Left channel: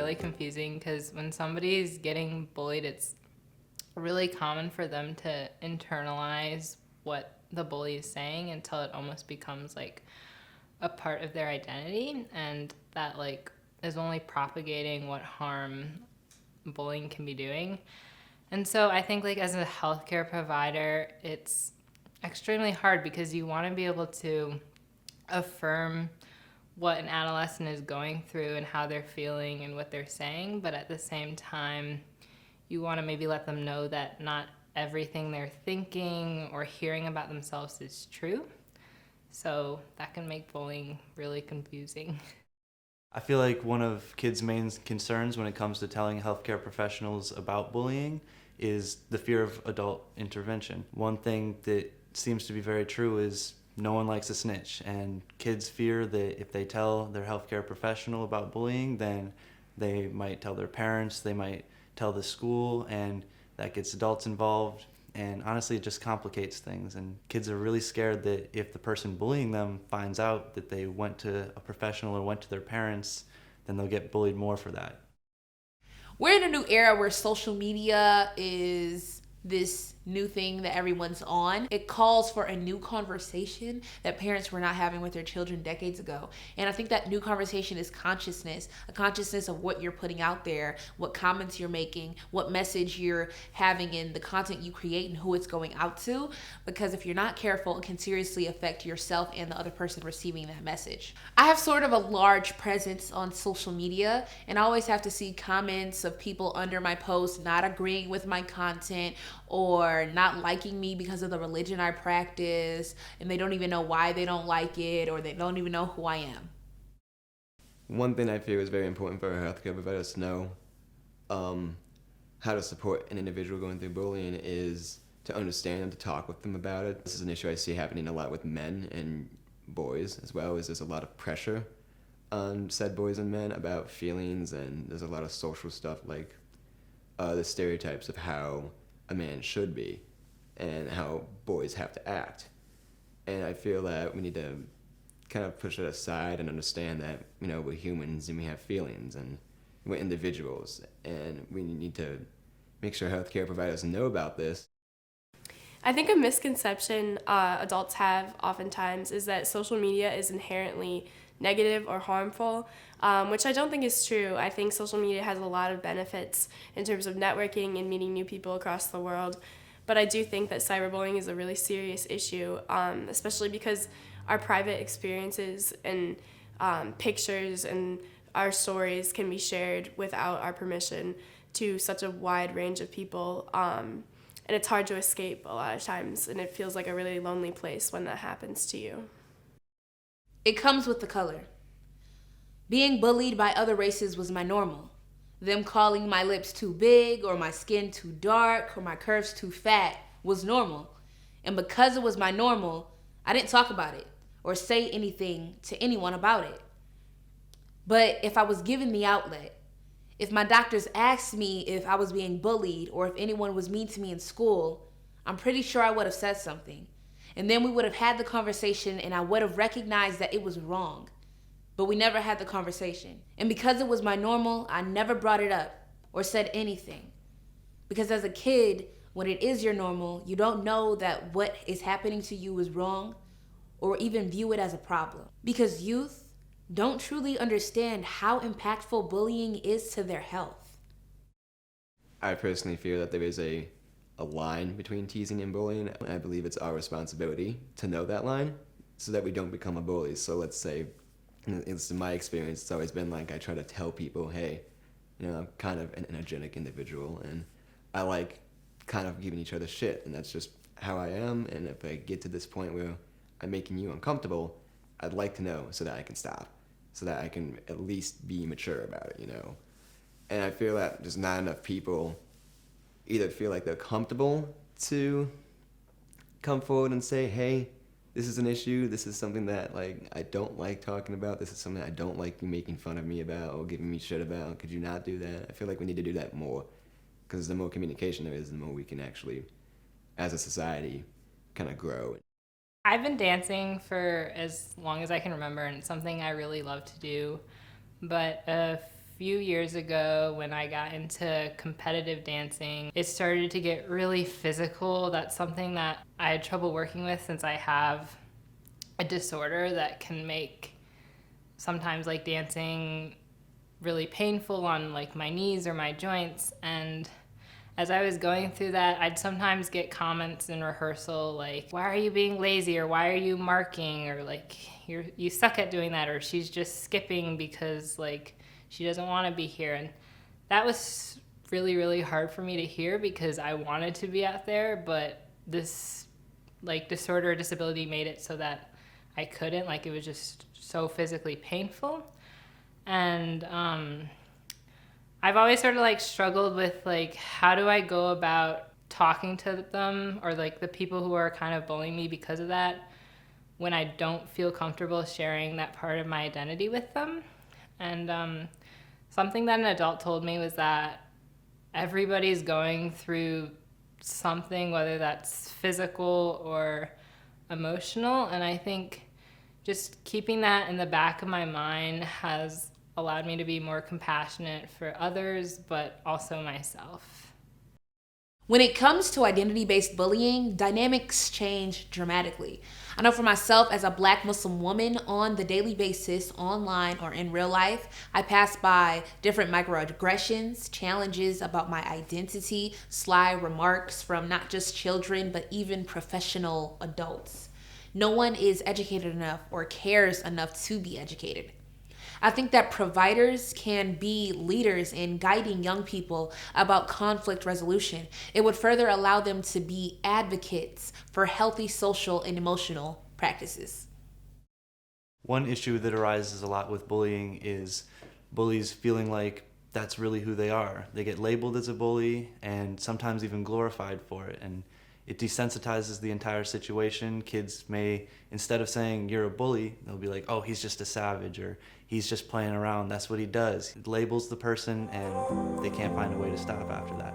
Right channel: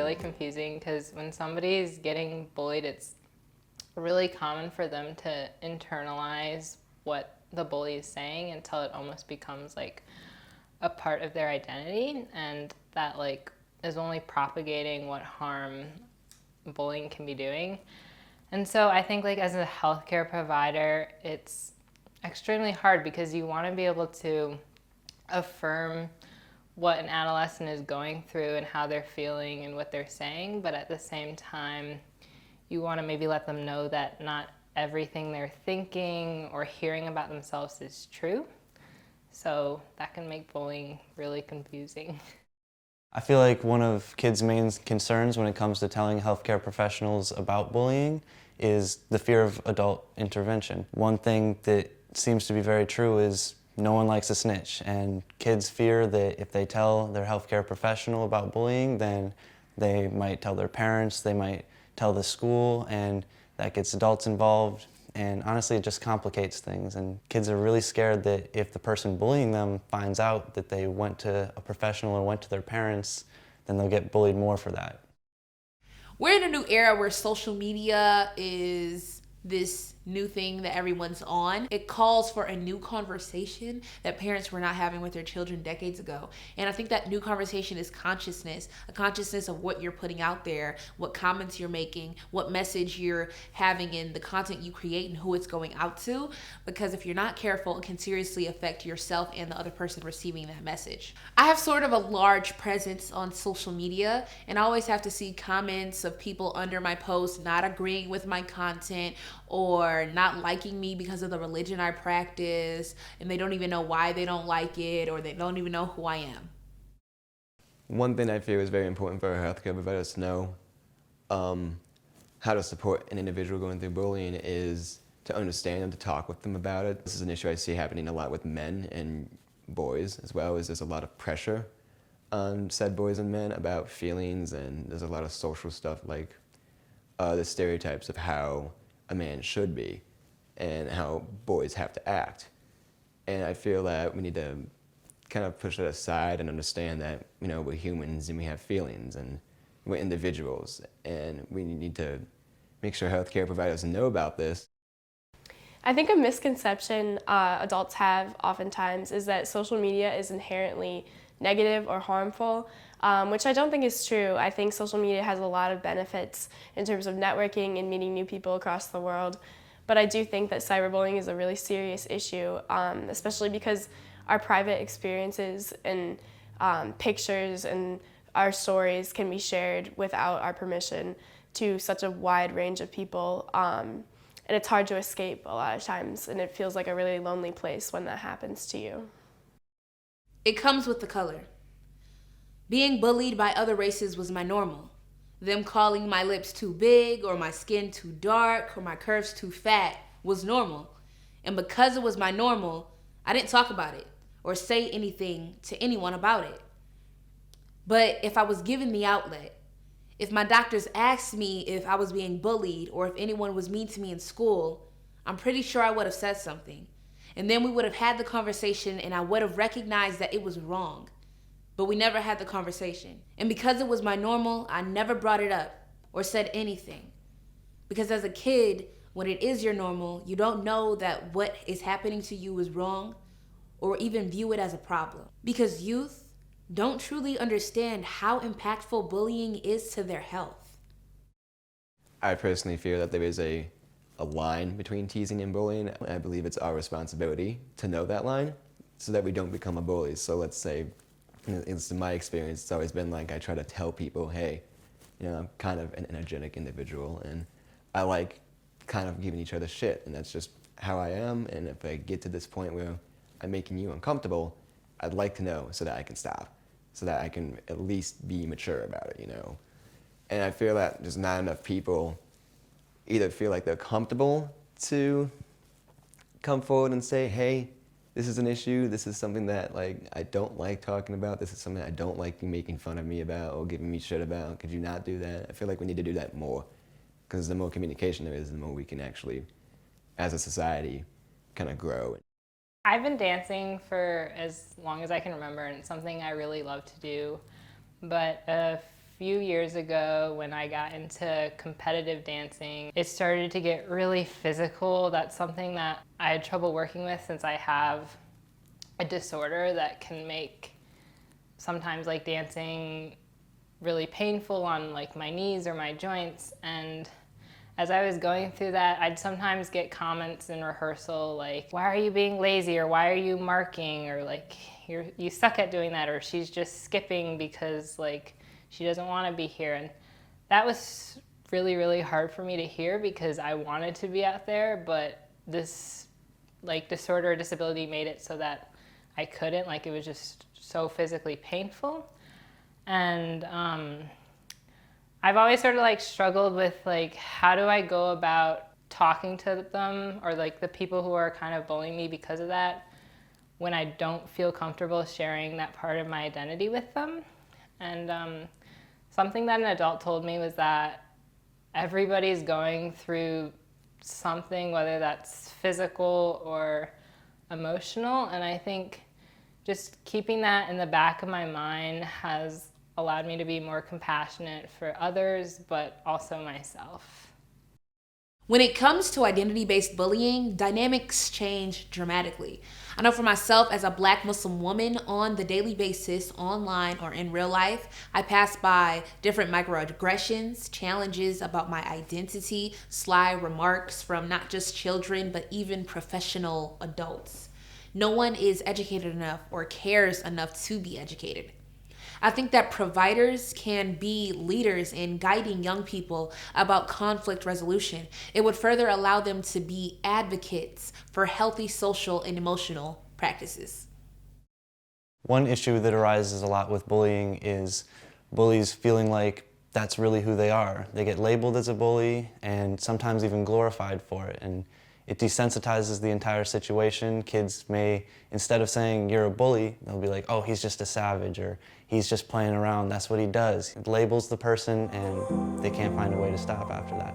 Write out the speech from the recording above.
really confusing because when somebody is getting bullied, it's really common for them to internalize what the bully is saying until it almost becomes like a part of their identity, and that like is only propagating what harm bullying can be doing. And so I think like as a healthcare provider, it's extremely hard because you want to be able to affirm what an adolescent is going through and how they're feeling and what they're saying, but at the same time, you want to maybe let them know that not everything they're thinking or hearing about themselves is true. So that can make bullying really confusing. I feel like one of kids' main concerns when it comes to telling healthcare professionals about bullying is the fear of adult intervention. One thing that seems to be very true is no one likes a snitch, and kids fear that if they tell their healthcare professional about bullying, then they might tell their parents, they might tell the school, and that gets adults involved. And honestly, it just complicates things. And kids are really scared that if the person bullying them finds out that they went to a professional or went to their parents, then they'll get bullied more for that. We're in a new era where social media is this new thing that everyone's on. It calls for a new conversation that parents were not having with their children decades ago. And I think that new conversation is consciousness, a consciousness of what you're putting out there, what comments you're making, what message you're having in the content you create and who it's going out to. Because if you're not careful, it can seriously affect yourself and the other person receiving that message. I have sort of a large presence on social media, and I always have to see comments of people under my posts not agreeing with my content or not liking me because of the religion I practice, and they don't even know why they don't like it, or they don't even know who I am. One thing I feel is very important for our healthcare providers to know how to support an individual going through bullying is to understand and to talk with them about it. This is an issue I see happening a lot with men and boys as well, is there's a lot of pressure on said boys and men about feelings, and there's a lot of social stuff like the stereotypes of how a man should be and how boys have to act. And I feel that we need to kind of push that aside and understand that, you know, we're humans and we have feelings and we're individuals, and we need to make sure healthcare providers know about this. I think a misconception adults have oftentimes is that social media is inherently negative or harmful, which I don't think is true. I think social media has a lot of benefits in terms of networking and meeting new people across the world. But I do think that cyberbullying is a really serious issue, especially because our private experiences and pictures and our stories can be shared without our permission to such a wide range of people. And it's hard to escape a lot of times, and it feels like a really lonely place when that happens to you. It comes with the color. Being bullied by other races was my normal. Them calling my lips too big or my skin too dark or my curves too fat was normal. And because it was my normal, I didn't talk about it or say anything to anyone about it. But if I was given the outlet, if my doctors asked me if I was being bullied or if anyone was mean to me in school, I'm pretty sure I would have said something. And then we would have had the conversation and I would have recognized that it was wrong. But we never had the conversation. And because it was my normal, I never brought it up or said anything. Because as a kid, when it is your normal, you don't know that what is happening to you is wrong or even view it as a problem. Because youth don't truly understand how impactful bullying is to their health. I personally feel that there is a line between teasing and bullying. I believe it's our responsibility to know that line so that we don't become a bully. So let's say, in my experience, it's always been like I try to tell people, hey, you know, I'm kind of an energetic individual and I like kind of giving each other shit, and that's just how I am. And if I get to this point where I'm making you uncomfortable, I'd like to know so that I can stop, so that I can at least be mature about it, you know. And I feel that just not enough people either feel like they're comfortable to come forward and say, hey, this is an issue, this is something that like I don't like talking about, this is something I don't like you making fun of me about or giving me shit about, could you not do that? I feel like we need to do that more, because the more communication there is, the more we can actually, as a society, kind of grow. I've been dancing for as long as I can remember, and it's something I really love to do. But a few years ago when I got into competitive dancing, it started to get really physical. That's something that I had trouble working with since I have a disorder that can make sometimes like dancing really painful on like my knees or my joints. And as I was going through that, I'd sometimes get comments in rehearsal like, why are you being lazy, or why are you marking, or like, you suck at doing that, or she's just skipping because like she doesn't want to be here. And that was really, really hard for me to hear because I wanted to be out there, but this like disorder or disability made it so that I couldn't. Like, it was just so physically painful. And I've always sort of like struggled with like, how do I go about talking to them or like the people who are kind of bullying me because of that when I don't feel comfortable sharing that part of my identity with them. And something that an adult told me was that everybody's going through something, whether that's physical or emotional. And I think just keeping that in the back of my mind has allowed me to be more compassionate for others, but also myself. When it comes to identity-based bullying, dynamics change dramatically. I know for myself, as a Black Muslim woman, on the daily basis, online or in real life, I pass by different microaggressions, challenges about my identity, sly remarks from not just children, but even professional adults. No one is educated enough or cares enough to be educated. I think that providers can be leaders in guiding young people about conflict resolution. It would further allow them to be advocates for healthy social and emotional practices. One issue that arises a lot with bullying is bullies feeling like that's really who they are. They get labeled as a bully and sometimes even glorified for it. And it desensitizes the entire situation. Kids may, instead of saying you're a bully, they'll be like, oh, he's just a savage, or he's just playing around, that's what he does. It labels the person and they can't find a way to stop after that.